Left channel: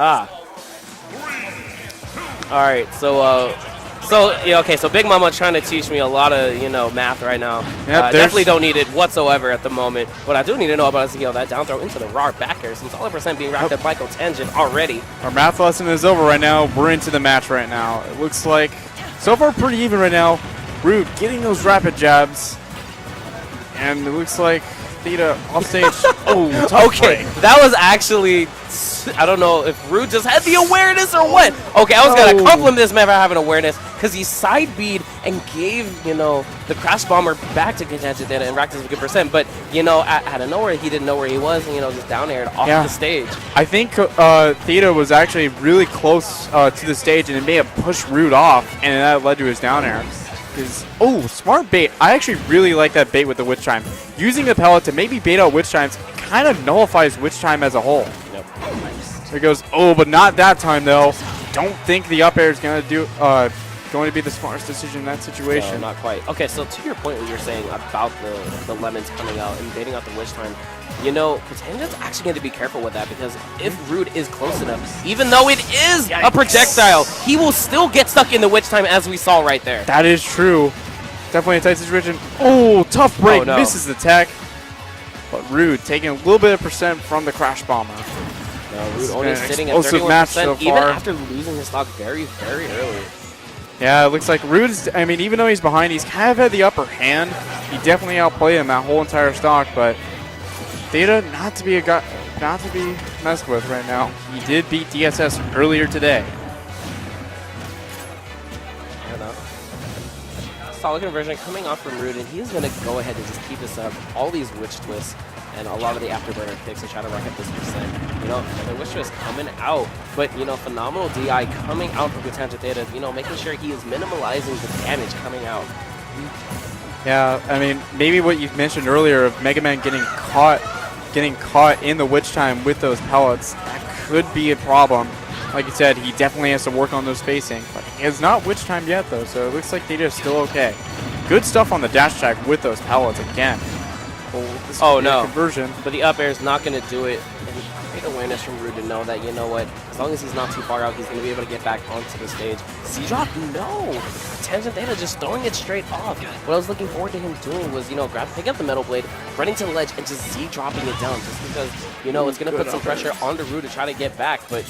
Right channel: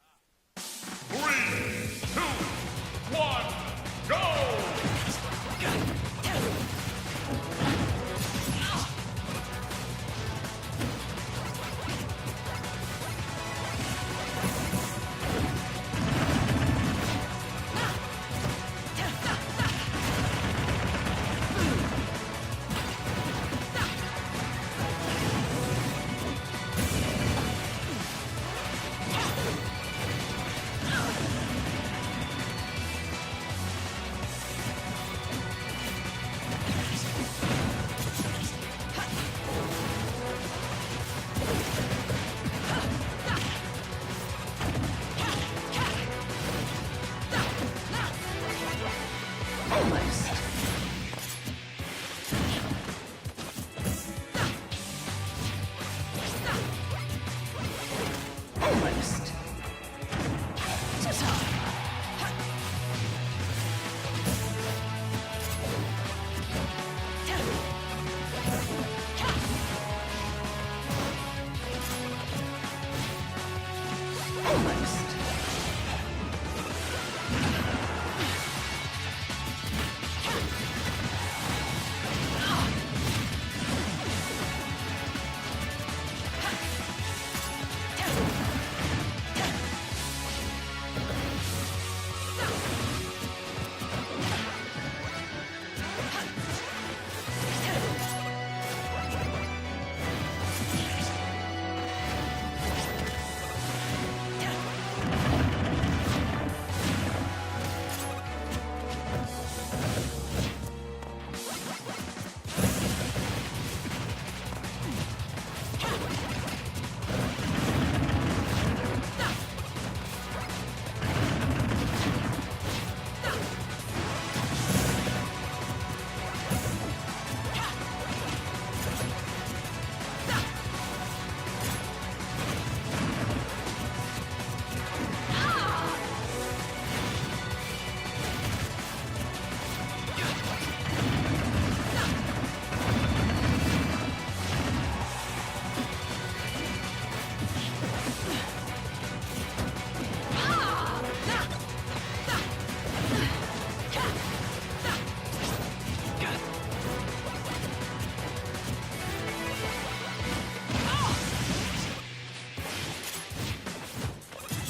Ah. All right, so yeah, okay, so Big Mama trying to teach me a lot of, math right now. Yep, Definitely don't need it whatsoever at the moment. What I do need to know about is, that down throw into the raw back air. Some $100% being wrapped up by tangent already. Our math lesson is over right now. We're into the match right now. It looks like so far pretty even right now. Rude getting those rapid jabs. And it looks like theta off stage. Oh, tough okay, break. that was actually, I don't know if Rude just had the awareness or what. Okay, I was going to compliment this man for having awareness because he side B'd and gave, the crash bomber back to contention data and racked us a good percent. But, out of nowhere, he didn't know where he was and, just down aired off the stage. I think theta was actually really close to the stage and it may have pushed Rude off and that led to his down air. Oh, smart bait. I actually really like that bait with the Witch Chime. Using the pellet to maybe bait out Witch Chimes kind of nullifies Witch Chime as a whole. There it goes. Oh, but not that time though. Don't think the up air is going to be the smartest decision in that situation. No, not quite. Okay, so to your point, what you're saying about the lemons coming out and baiting out the Witch Chime, Tangen's actually going to be careful with that because if Rude is close enough, even though it is a projectile, he will still get stuck in the Witch Time as we saw right there. That is true. Definitely a tight situation. Oh, tough break. Misses the tech. But Rude taking a little bit of percent from the Crash Bomber. Rude only sitting at 31% so even after losing his stock very, very early. Yeah, it looks like Rude's, even though he's behind, he's kind of had the upper hand. He definitely outplayed him that whole entire stock, but theta not to be messed with right now. He did beat DSS earlier today. Solid conversion coming off from Rude, and he's going to go ahead and just keep this up. All these witch twists and a lot of the afterburner kicks to try to run up this percent. The witch twist coming out, but phenomenal DI coming out from the Tangent Theta, making sure he is minimalizing the damage coming out. Yeah, maybe what you mentioned earlier of Mega Man getting caught in the Witch Time with those pellets, that could be a problem. Like you said, he definitely has to work on those spacing. But he has not Witch Time yet though, so it looks like Theta is still okay. Good stuff on the dash attack with those pellets again. Oh no, conversion. But the up air is not going to do it. Great awareness from Rude to know that, as long as he's not too far out, he's going to be able to get back onto the stage. C-drop, no! Tangent Theta just throwing it straight off. What I was looking forward to him doing was, picking up the metal blade, running to the ledge, and just Z-dropping it down. Because, it's going to put some pressure on the Rude to try to get back, but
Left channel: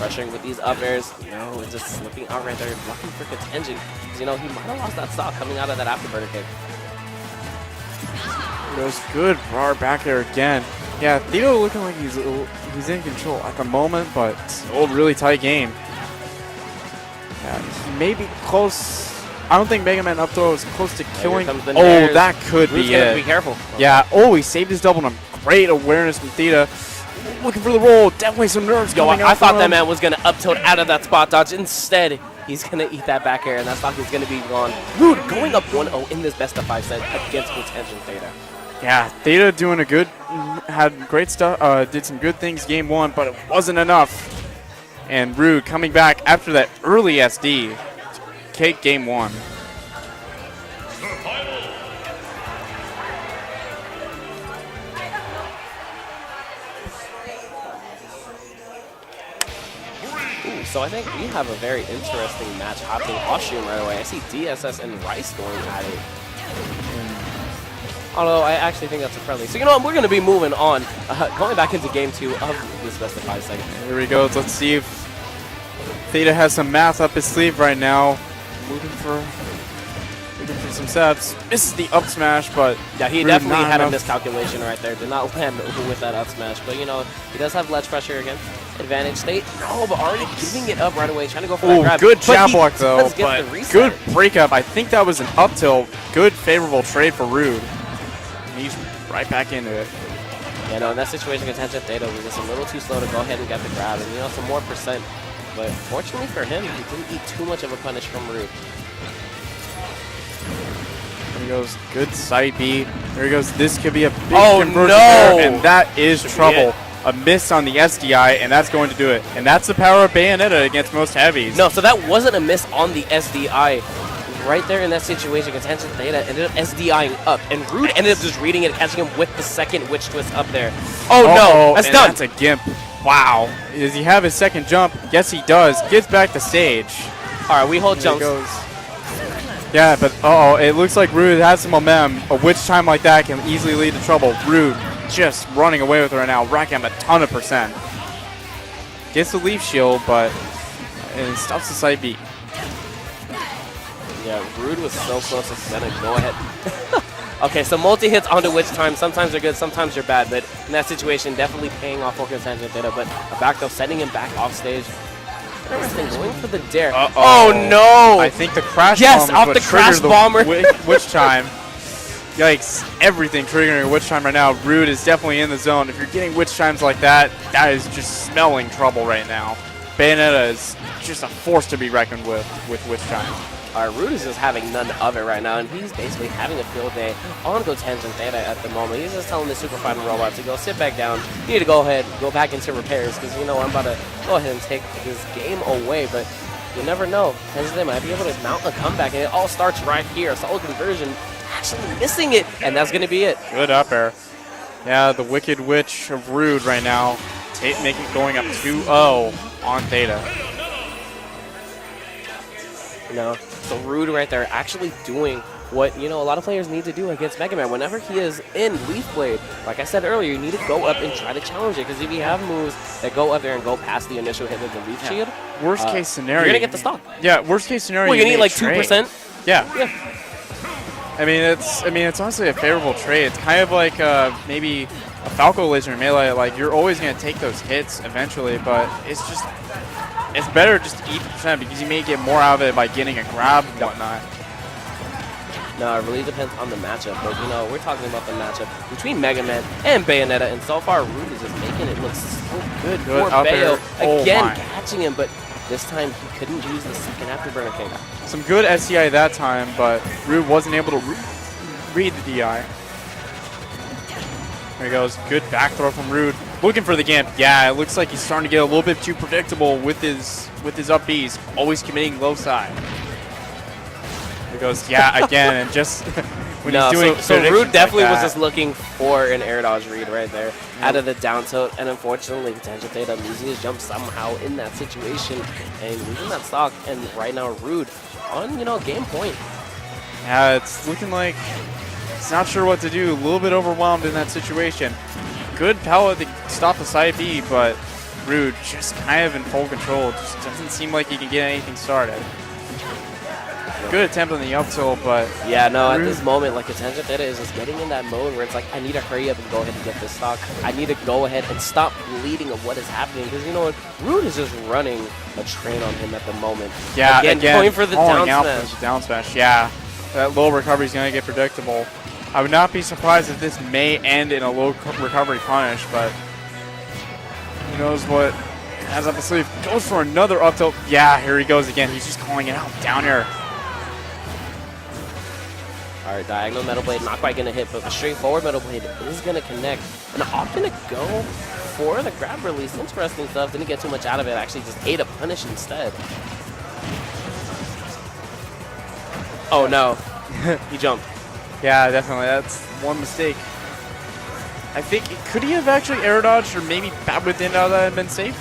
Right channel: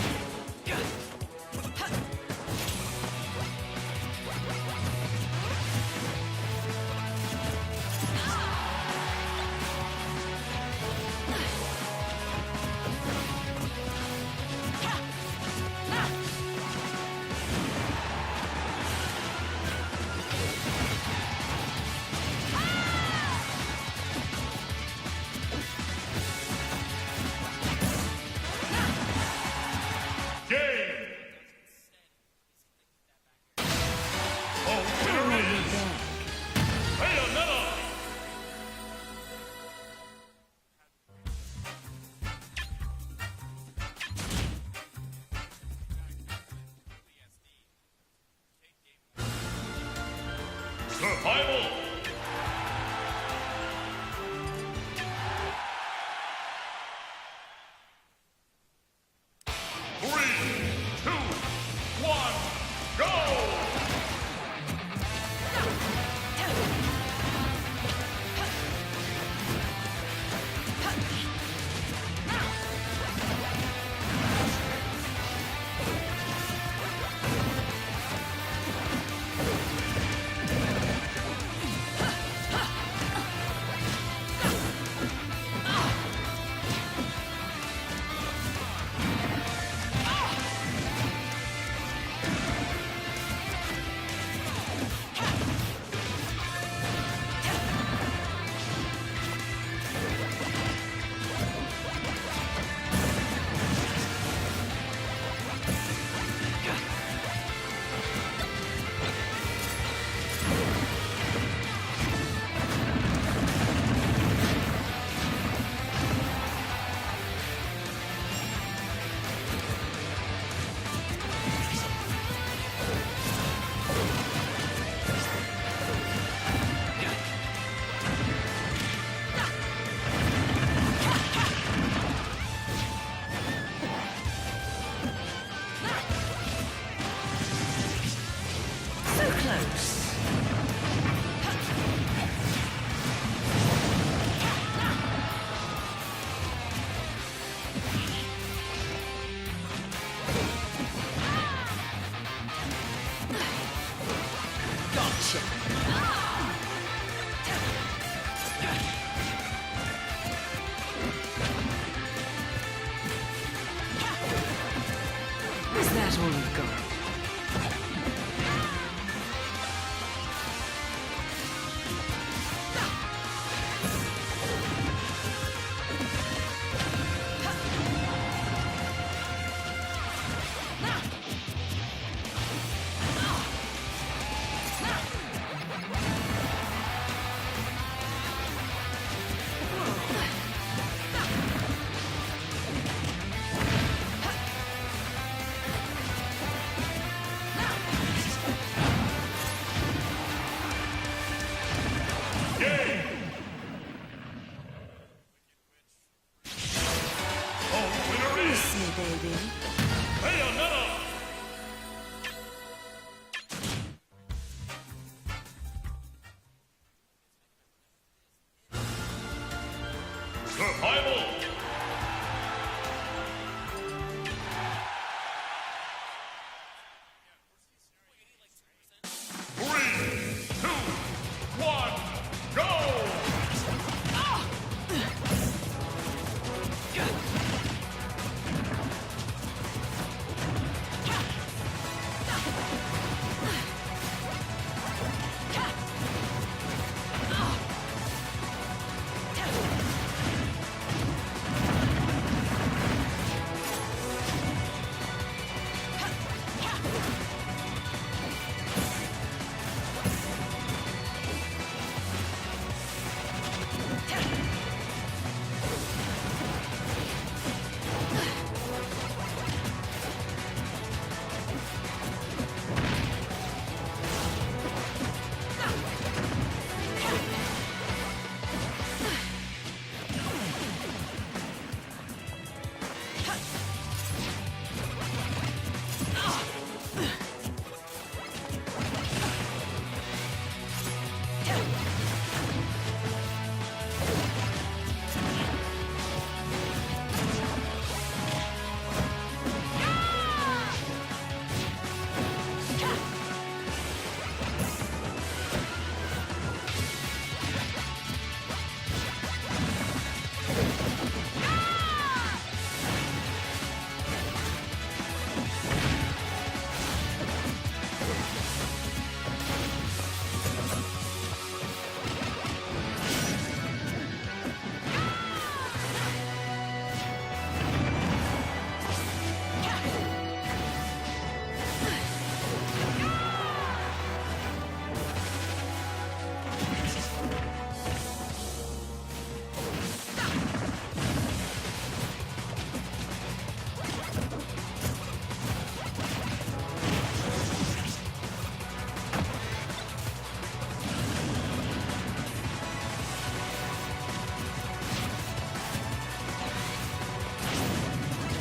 pressuring with these up airs, it's just slipping out right there, blocking for contention. He might have lost that stock coming out of that afterburner kick. Goes good bar back there again. Yeah, Theo looking like he's in control at the moment, but still a really tight game. Yeah, maybe close. I don't think Mega Man up throw is close to killing. Oh, that could be it. Be careful. Yeah. Oh, he saved his double. Great awareness from Theta. Looking for the roll. Definitely some nerves going. I thought that man was going to up tilt out of that spot dodge. Instead, he's going to eat that back air, and that stock is going to be gone. Rude going up 1-0 in this best of 5 set against Contention Theta. Yeah, Theta doing had great stuff, did some good things game 1, but it wasn't enough. And Rude coming back after that early SD to take game 1. Survival. So I think we have a very interesting match happening costume right away. I see DSS and Rice going at it. Although I actually think that's a friendly. So what, we're going to be moving on, going back into game 2 of this West of 5 segment. Here we go. Let's see if Theta has some math up his sleeve right now. Moving for some sets. Misses the up smash, but yeah, he definitely had a miscalculation right there. Did not land with that up smash, but he does have ledge pressure against advantage state. Oh, but already giving it up right away, trying to go for that grab. Good jab block though, but good breakup. I think that was an up tilt. Good favorable trade for Rude. He's right back into it. In that situation, Contention Theta was just a little too slow to go ahead and get the grab, and some more percent. But fortunately for him, he didn't eat too much of a punish from Rude. There he goes. Good side B. There he goes. This could be a big conversion there, and that is trouble. A miss on the SDI, and that's going to do it. And that's the power of Bayonetta against most heavies. No, so that wasn't a miss on the SDI. right there in that situation, Contention Theta ended up SDIing up, and Rude ended up just reading it, catching him with the second witch twist up there. Oh no, that's and done. That's a gimp. Wow. Does he have his second jump? Yes, he does. Gets back to stage. All right, we hold jumps. Yeah, but it looks like Rude has some momentum. A witch time like that can easily lead to trouble. Rude just running away with her right now, racking up a ton of percent. Gets the leaf shield, but it stops the side B. Yeah, Rude was so close to getting go ahead. Okay, so multi-hits onto witch time. Sometimes they're good, sometimes they're bad, but in that situation, definitely paying off for Contention Theta, but a back throw, sending him back off stage. Going for the dare. Oh no! I think the crash yes, bomb is off what the crash triggered bomber. Witch time. Yikes, everything triggering a witch time right now. Rude is definitely in the zone. If you're getting witch times like that, that is just smelling trouble right now. Bayonetta is just a force to be reckoned with witch time. Rude is just having none of it right now, and he's basically having a field day on Contention Theta at the moment. He's just telling the Super Fighter robot to go sit back down. You need to go ahead, go back into repairs, because you know I'm about to go ahead and take this game away, but you never know. Contention might be able to mount a comeback, and it all starts right here. Solid conversion, actually missing it, and that's going to be it. Good up air. Yeah, the Wicked Witch of Rude right now, going up 2-0 on Theta. You know, so Rude right there actually doing what, you know, a lot of players need to do against Mega Man. Whenever he is in Leaf Blade, like I said earlier, you need to go up and try to challenge it. Because if you have moves that go up there and go past the initial hit with the Leaf Shield, worst case scenario, you're going to get the stock. Yeah, worst case scenario, well, you need like trade. 2%. Yeah. I mean, it's honestly a favorable trade. It's kind of like maybe a Falco Laser in Melee. Like, you're always going to take those hits eventually, but it's better just to eat percent because you may get more out of it by getting a grab and whatnot. No, it really depends on the matchup. But, you know, we're talking about the matchup between Mega Man and Bayonetta, and so far, Rude is just making it look good for Bayo. Again, catching him, but this time he couldn't use the second afterburner thing. Some good SCI that time, but Rude wasn't able to read the DI. There he goes. Good back throw from Rude. Looking for the gimp. Yeah, it looks like he's starting to get a little bit too predictable with his up Bs. Always committing low side. There he goes. Yeah, again, and just when he's doing so Rude definitely was just looking for an air dodge read right there out of the down tilt, and unfortunately, Contention Theta losing his jump somehow in that situation and losing that stock. And right now, Rude on, you know, game point. Yeah, it's looking like he's not sure what to do. A little bit overwhelmed in that situation. Good pellet to stop the side B, but Rude just kind of in full control. Just doesn't seem like he can get anything started. Good attempt on the up tilt, but yeah, no, at this moment, like Contention Theta is just getting in that mode where it's like, I need to hurry up and go ahead and get this stock. I need to go ahead and stop bleeding of what is happening. Because, you know what, Rude is just running a train on him at the moment. Yeah, again going for the down smash. Down smash, yeah. That low recovery is going to get predictable. I would not be surprised if this may end in a low recovery punish, but who knows what has up the sleeve. Goes for another up tilt. Yeah, here he goes again. He's just calling it out. Down air. All right, diagonal Metal Blade, not quite going to hit, but the straightforward Metal Blade is going to connect. And off going to go for the grab release. Interesting stuff. Didn't get too much out of it. Actually just ate a punish instead. Oh, no. He jumped. Yeah, definitely. That's one mistake. I think, could he have actually air dodged or maybe bat within now that had been safe?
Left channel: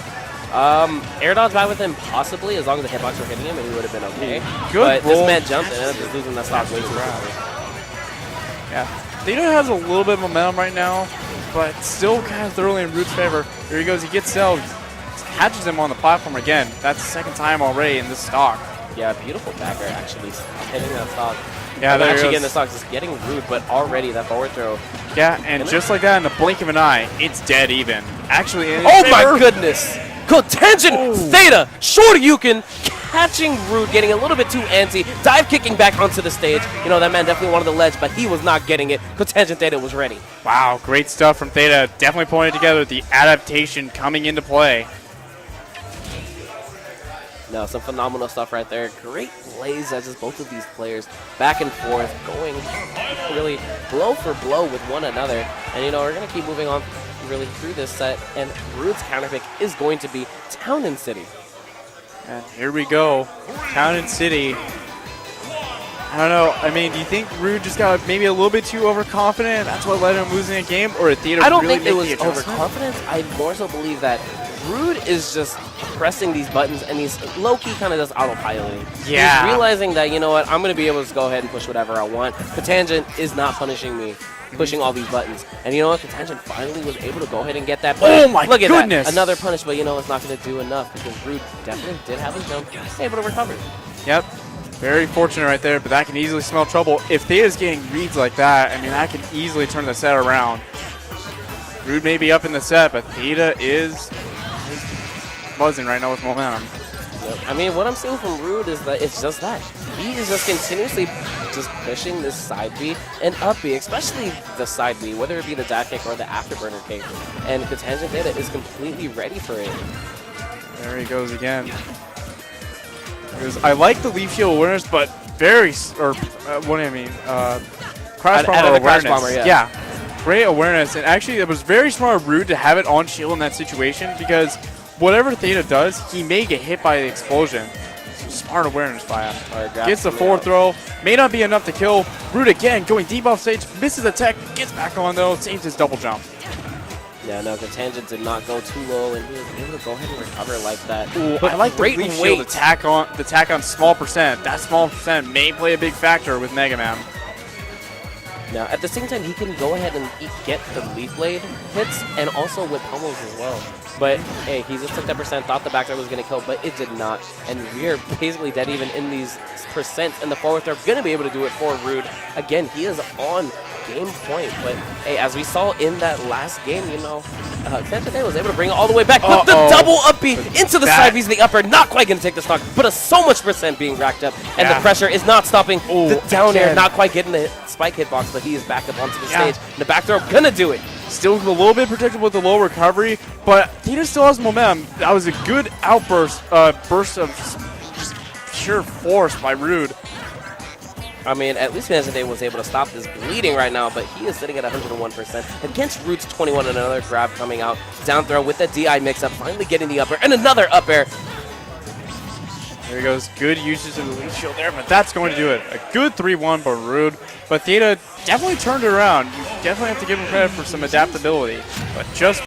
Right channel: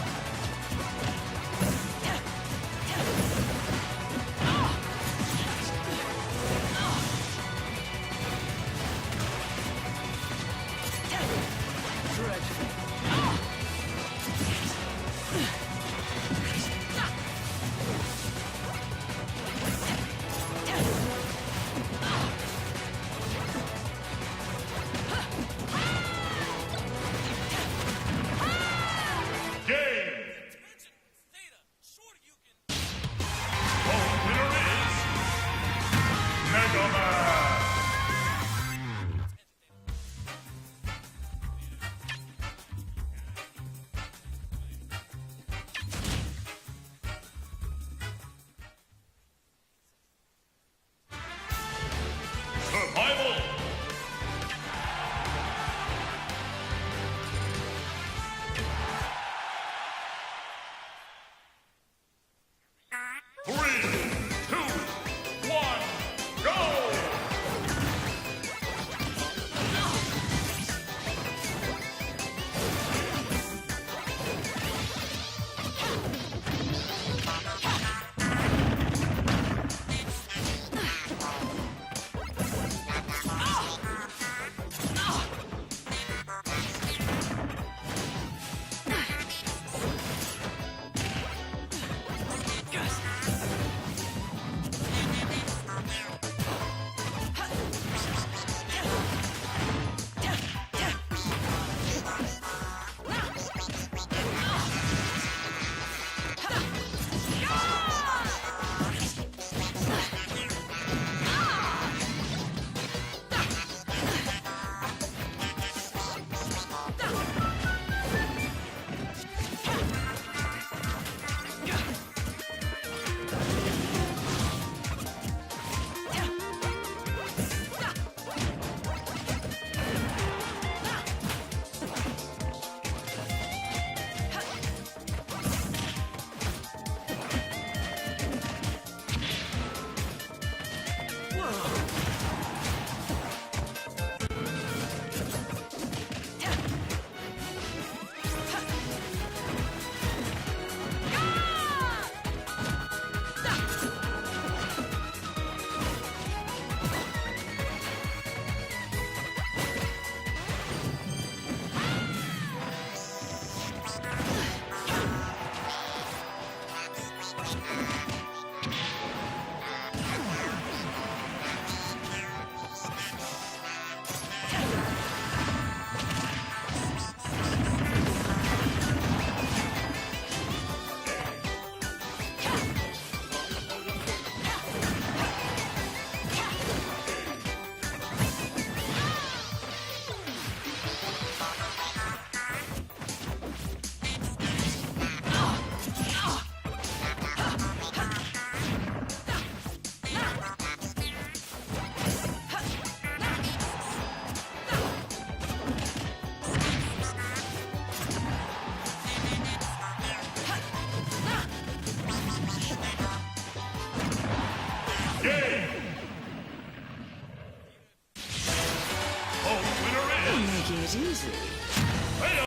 Air dodge bat within possibly, as long as the hitbox was hitting him, and he would have been okay. Good but this man jumped and ended up losing that stock really grab. Yeah. Theta has a little bit of momentum right now, but still kind of thoroughly in Rude's favor. There he goes. He gets Cells. Catches him on the platform again. That's the second time already in this stock. Yeah, beautiful dagger actually. Getting that stock. Yeah, there actually getting the stock, just getting Rude, but already that forward throw. Yeah, and just like that, in the blink of an eye, it's dead even. Actually, in his oh favor. My goodness! Contention Theta, Shoryuken, catching Rude, getting a little bit too antsy, dive kicking back onto the stage. You know, that man definitely wanted the ledge, but he was not getting it. Contention Theta was ready. Wow, great stuff from Theta. Definitely pointed together the adaptation coming into play. No, some phenomenal stuff right there. Great plays as just both of these players back and forth, going really blow for blow with one another. And, you know, we're going to keep moving on really through this set, and Rude's counterpick is going to be Town and City. And here we go. Town and City. I don't know. I mean, do you think Rude just got maybe a little bit too overconfident? That's what led him losing a game, or did Theta I don't really think it was make the adjustment? overconfidence. I more so believe that Rude is just pressing these buttons, and he's low-key kind of just autopiloting. Yeah. He's realizing that, you know what, I'm going to be able to go ahead and push whatever I want. The tangent is not punishing me, pushing all these buttons. And you know what, the tangent finally was able to go ahead and get that punish. Oh my Look at goodness. that. Another punish, but you know it's not going to do enough, because Rude definitely did have his jump. He's able to recover. Yep. Very fortunate right there, but that can easily smell trouble. If Theta's getting reads like that, I mean, that can easily turn the set around. Rude may be up in the set, but Theta is buzzing right now with momentum. I mean, what I'm seeing from Rude is that it's just that. He is just continuously just pushing this side B and up B, especially the side B, whether it be the dash kick or the afterburner kick. And the tangent Theta is completely ready for it. There he goes again. I like the leaf shield awareness, but very, what do I mean? Crash Out of bomber the crash awareness. bomber, yeah. Great awareness, and actually it was very smart of Rude to have it on shield in that situation because whatever Theta does, he may get hit by the explosion. Smart awareness by him. Gets the forward throw, may not be enough to kill. Rude again going deep off stage, misses the tech, gets back on though, saves his double jump. Yeah, no, the tangent did not go too low, and he was able to go ahead and recover like that. Ooh, But I like the great leaf weight. shield attack on small percent. That small percent may play a big factor with Mega Man. Now, at the same time, he can go ahead and get the leaf blade hits and also with pummels as well. But hey, he just took that percent, thought the back throw was going to kill, but it did not. And we're basically dead even in these percents, and the forward throw going to be able to do it for Rude. Again, he is on game point, but hey, as we saw in that last game, you know, Pappy was able to bring it all the way back with the double up B into the side B's, the upper, not quite going to take the stock, but so much percent being racked up, and the pressure is not stopping. The down air, not quite getting the spike hitbox, but he is back up onto the stage. The back throw gonna do it. Still a little bit protected with the low recovery, but Theta still has momentum. That was a good outburst, burst of sheer force by Rude. I mean, at least Day was able to stop this bleeding right now, but he is sitting at 101%. Against Rude's 21, another grab coming out. Down throw with the DI mix-up, finally getting the up air, and another up air. There he goes. Good usage of the leaf shield there, but that's going to do it. A good 3-1 for Rude, but Theta definitely turned it around. You definitely have to give him credit for some adaptability, but just